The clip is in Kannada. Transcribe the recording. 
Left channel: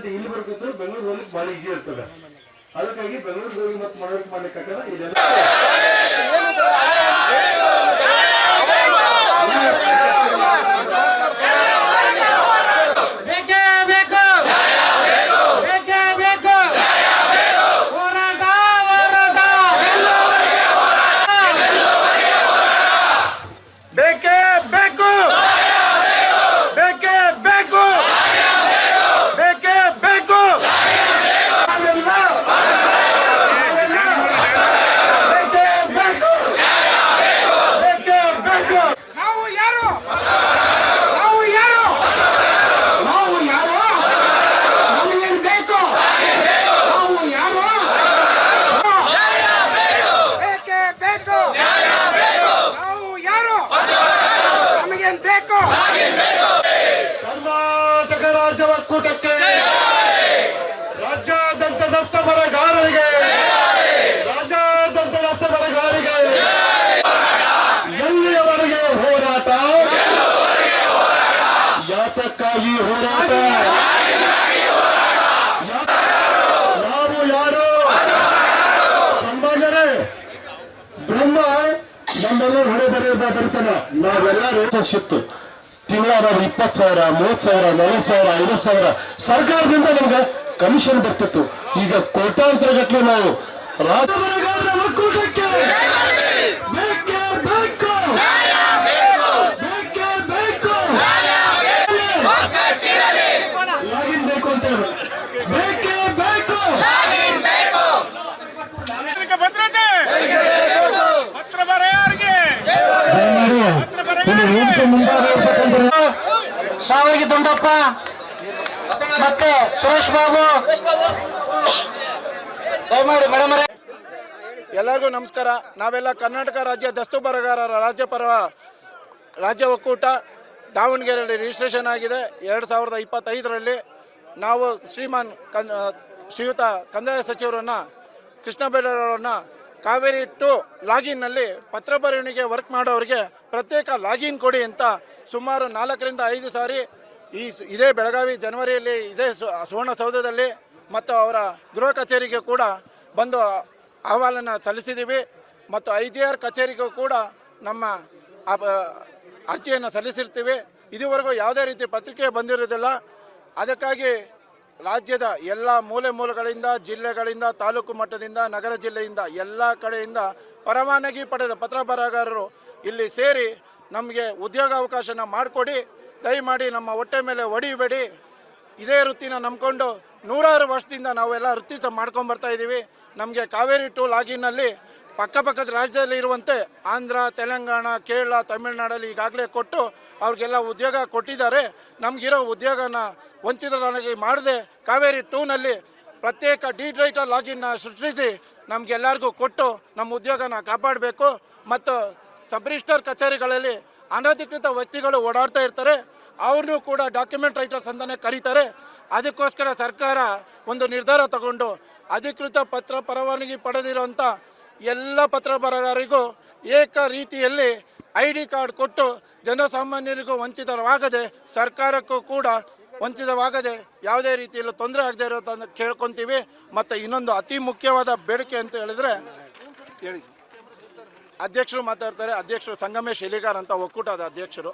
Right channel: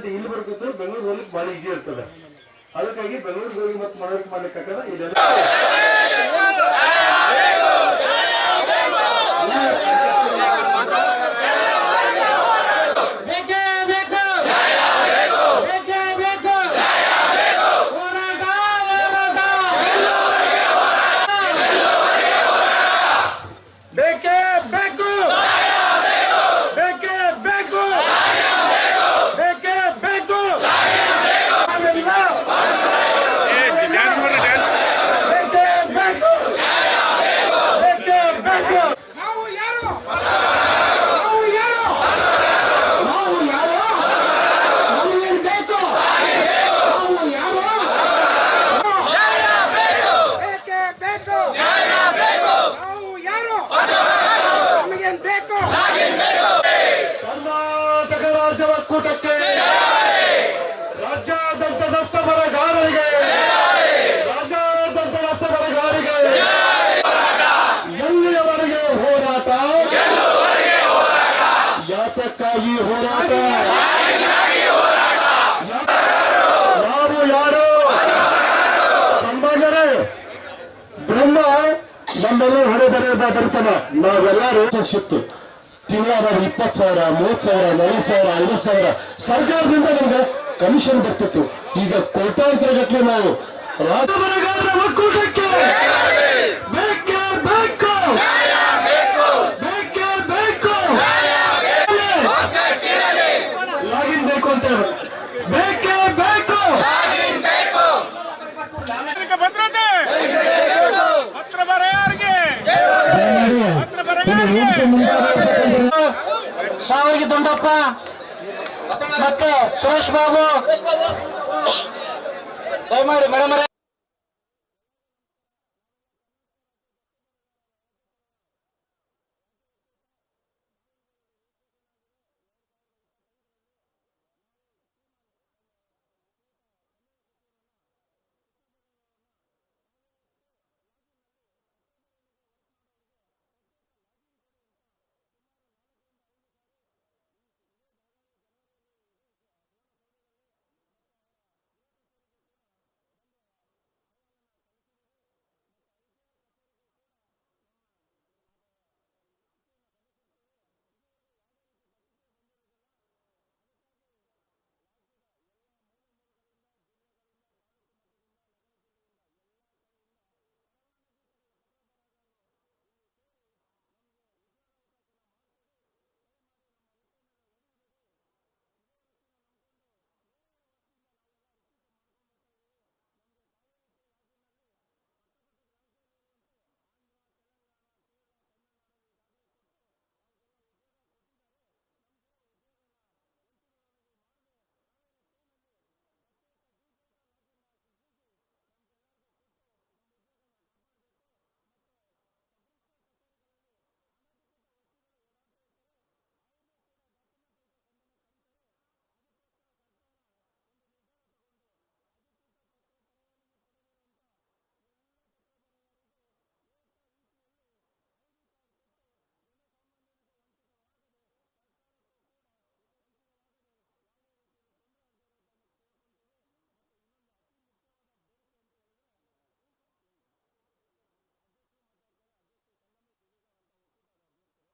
ಅಲ್ಲಿಂದ ಇಲ್ಲಿ ಬರ್ಬೇಕು ಬೆಂಗಳೂರು ಹೋಗ್ಲಿಕ್ಕೆ ಬಹಳ ಈಜಿ ಇರ್ತದೆ. ಅದಕ್ಕಾಗಿ ಬೆಂಗಳೂರಿಗೆ ಹೋಗಿ ಮತ್ತೆ ಮನವರಿಕೆ ಮಾಡ್ಲಿಕ್ಕೆ ಇದೆಲ್ಲ ಬೇಕೇ ಬೇಕು ಬೇಕೇ ಬೇಕು ಹೋರಾಟ ಹೋರಾಟ ಬೇಕೇ ಬೇಕು ಬೇಕೇ ಬೇಕು ಬೇಕೇ ಬೇಕು ನಾವೆಲ್ಲ ಬೇಕೇ ಬೇಕು ಬೇಕೇ ಬೇಕು ನಾವು ಯಾರು ನಾವು ಯಾರು ನಾವು ಯಾರು ನಮಗೇನ್ ಬೇಕು ನಾವು ಯಾರು ಬೇಕೇ ಬೇಕು ನಾವು ಯಾರು ನಮಗೇನ್ ಬೇಕು ಕರ್ನಾಟಕ ರಾಜ್ಯ ಒಕ್ಕೂಟಕ್ಕೆ ರಾಜ್ಯಾದ್ಯಂತ ನಷ್ಟ ಬರಗಾರರಿಗೆ ರಾಜ್ಯಾದ್ಯಂತ ನಷ್ಟ ಬರಗಾರಿಗೆ ಎಲ್ಲಿಯವರೆಗೆ ಹೋರಾಟ? ಯಾತಕ್ಕಾಗಿ ಹೋರಾಟ? ನಾವು ಯಾರು ಸನ್ಮಾನ್ಯರೇ ಬ್ರಹ್ಮ ನಮ್ಮೆಲ್ಲರೂ ಹಣೆ ಬರೆಯ ಬರ್ತಾನ. ನಾವೆಲ್ಲರೂ ಶಿತ್ತು ತಿಂಗಳ ಇಪ್ಪತ್ತು ಸಾವಿರ, ಮೂವತ್ತು ಸಾವಿರ, ನಲವತ್ತು ಸಾವಿರ, ಐವತ್ತು ಸಾವಿರ. ಸರ್ಕಾರದಿಂದ ನಮ್ಗೆ ಕಮಿಷನ್ ಬರ್ತಿತ್ತು. ಈಗ ಕೋಟ್ಯಾಂತರ ಗಟ್ಟಲೆ ನಾವು ರಾಜ್ಯ ಶಾವಗಿ ದುಂಡಪ್ಪ. ಮತ್ತೆ ಸುರೇಶ್ ಬಾಬು. ದಯಮಾಡಿ ಮರೆ ಮರೆ. ಎಲ್ಲರಿಗೂ ನಮಸ್ಕಾರ. ನಾವೆಲ್ಲ ಕರ್ನಾಟಕ ರಾಜ್ಯ ದಸ್ತು ಬರಗಾರರ ರಾಜ್ಯ ಪರ್ವ ರಾಜ್ಯ ಒಕ್ಕೂಟ ದಾವಣಗೆರೆಯಲ್ಲಿ ರಿಜಿಸ್ಟ್ರೇಷನ್ ಆಗಿದೆ. ಎರಡು ಸಾವಿರದ ಇಪ್ಪತ್ತೈದರಲ್ಲಿ ನಾವು ಶ್ರೀಮಾನ್ ಕನ್ ಶ್ರೀಯುತ ಕಂದಾಯ ಸಚಿವರನ್ನು ಕೃಷ್ಣ ಬೈರೇಗೌಡರನ್ನ ಕಾವೇರಿ ಟು ಲಾಗಿನ್ನಲ್ಲಿ ಪತ್ರ ಬರವಣಿಗೆ ವರ್ಕ್ ಮಾಡೋರಿಗೆ ಪ್ರತ್ಯೇಕ ಲಾಗಿನ್ ಕೊಡಿ ಅಂತ ಸುಮಾರು ನಾಲ್ಕರಿಂದ ಐದು ಸಾರಿ ಈ ಇದೇ ಬೆಳಗಾವಿ ಜನವರಿಯಲ್ಲಿ ಇದೇ ಸುವರ್ಣ ಸುವರ್ಣಸೌಧದಲ್ಲಿ ಮತ್ತು ಅವರ ಗೃಹ ಕಚೇರಿಗೆ ಕೂಡ ಬಂದು ಅಹವಾಲನ್ನು ಸಲ್ಲಿಸಿದ್ದೀವಿ. ಮತ್ತು ಐ ಜಿ ಆರ್ ಕಚೇರಿಗೂ ಕೂಡ ನಮ್ಮ ಅರ್ಜಿಯನ್ನು ಸಲ್ಲಿಸಿರ್ತೀವಿ. ಇದುವರೆಗೂ ಯಾವುದೇ ರೀತಿ ಪತ್ರಿಕೆ ಬಂದಿರೋದಿಲ್ಲ. ಅದಕ್ಕಾಗಿ ರಾಜ್ಯದ ಎಲ್ಲ ಮೂಲೆ ಮೂಲೆಗಳಿಂದ, ಜಿಲ್ಲೆಗಳಿಂದ, ತಾಲೂಕು ಮಟ್ಟದಿಂದ, ನಗರ ಜಿಲ್ಲೆಯಿಂದ ಎಲ್ಲ ಕಡೆಯಿಂದ ಪರವಾನಗಿ ಪಡೆದ ಪತ್ರ ಬರಹಗಾರರು ಇಲ್ಲಿ ಸೇರಿ ನಮಗೆ ಉದ್ಯೋಗಾವಕಾಶನ ಮಾಡಿಕೊಡಿ. ದಯಮಾಡಿ ನಮ್ಮ ಹೊಟ್ಟೆ ಮೇಲೆ ಹೊಡಿಬೇಡಿ. ಇದೇ ವೃತ್ತಿನ ನಂಬಿಕೊಂಡು ನೂರಾರು ವರ್ಷದಿಂದ ನಾವೆಲ್ಲ ವೃತ್ತಿ ಮಾಡ್ಕೊಂಡು ಇದ್ದೀವಿ ನಮಗೆ ಕಾವೇರಿ ಟು ಲಾಗಿನ್ನಲ್ಲಿ ಪಕ್ಕಪಕ್ಕದ ರಾಜ್ಯದಲ್ಲಿ ಇರುವಂತೆ ಆಂಧ್ರ, ತೆಲಂಗಾಣ, ಕೇರಳ, ತಮಿಳುನಾಡಲ್ಲಿ ಈಗಾಗಲೇ ಕೊಟ್ಟು ಅವ್ರಿಗೆಲ್ಲ ಉದ್ಯೋಗ ಕೊಟ್ಟಿದ್ದಾರೆ. ನಮಗಿರೋ ಉದ್ಯೋಗನ ವಂಚಿತರಾಗಿ ಮಾಡದೆ ಕಾವೇರಿ ಟೂನಲ್ಲಿ ಪ್ರತ್ಯೇಕ ಡಿಜಿಟಲ್ ಲಾಗಿನ್ನ ಸೃಷ್ಟಿಸಿ ನಮಗೆಲ್ಲರಿಗೂ ಕೊಟ್ಟು ನಮ್ಮ ಉದ್ಯೋಗನ ಕಾಪಾಡಬೇಕು. ಮತ್ತು ಸಬ್ ರಿಜಿಸ್ಟರ್ ಕಚೇರಿಗಳಲ್ಲಿ ಅನಧಿಕೃತ ವ್ಯಕ್ತಿಗಳು ಓಡಾಡ್ತಾ ಇರ್ತಾರೆ. ಅವ್ರನ್ನೂ ಕೂಡ ಡಾಕ್ಯುಮೆಂಟ್ ರೈಟರ್ಸ್ ಅಂತಲೇ ಕರೀತಾರೆ. ಅದಕ್ಕೋಸ್ಕರ ಸರ್ಕಾರ ಒಂದು ನಿರ್ಧಾರ ತಗೊಂಡು ಅಧಿಕೃತ ಪತ್ರ ಪರವಾನಗಿ ಪಡೆದಿರುವಂಥ ಎಲ್ಲ ಪತ್ರ ಬರಹಗಾರರಿಗೂ ಏಕ ರೀತಿಯಲ್ಲಿ ಐ ಡಿ ಕಾರ್ಡ್ ಕೊಟ್ಟು ಜನಸಾಮಾನ್ಯರಿಗೂ ವಂಚಿತರಾಗದೆ ಸರ್ಕಾರಕ್ಕೂ ಕೂಡ ವಂಚಿತವಾಗದೆ ಯಾವುದೇ ರೀತಿಯಲ್ಲಿ ತೊಂದರೆ ಆಗದೆ ಇರೋದನ್ನು ಕೇಳ್ಕೊತೀವಿ. ಮತ್ತು ಇನ್ನೊಂದು ಅತಿ ಮುಖ್ಯವಾದ ಬೇಡಿಕೆ ಅಂತ ಹೇಳಿದರೆ ಹೇಳಿ ಅಧ್ಯಕ್ಷರು ಮಾತಾಡ್ತಾರೆ ಅಧ್ಯಕ್ಷರು ಸಂಗಮೇಶ್ ಎಲಿಗಾರ್ ಅಂತ ಒಕ್ಕೂಟದ ಅಧ್ಯಕ್ಷರು.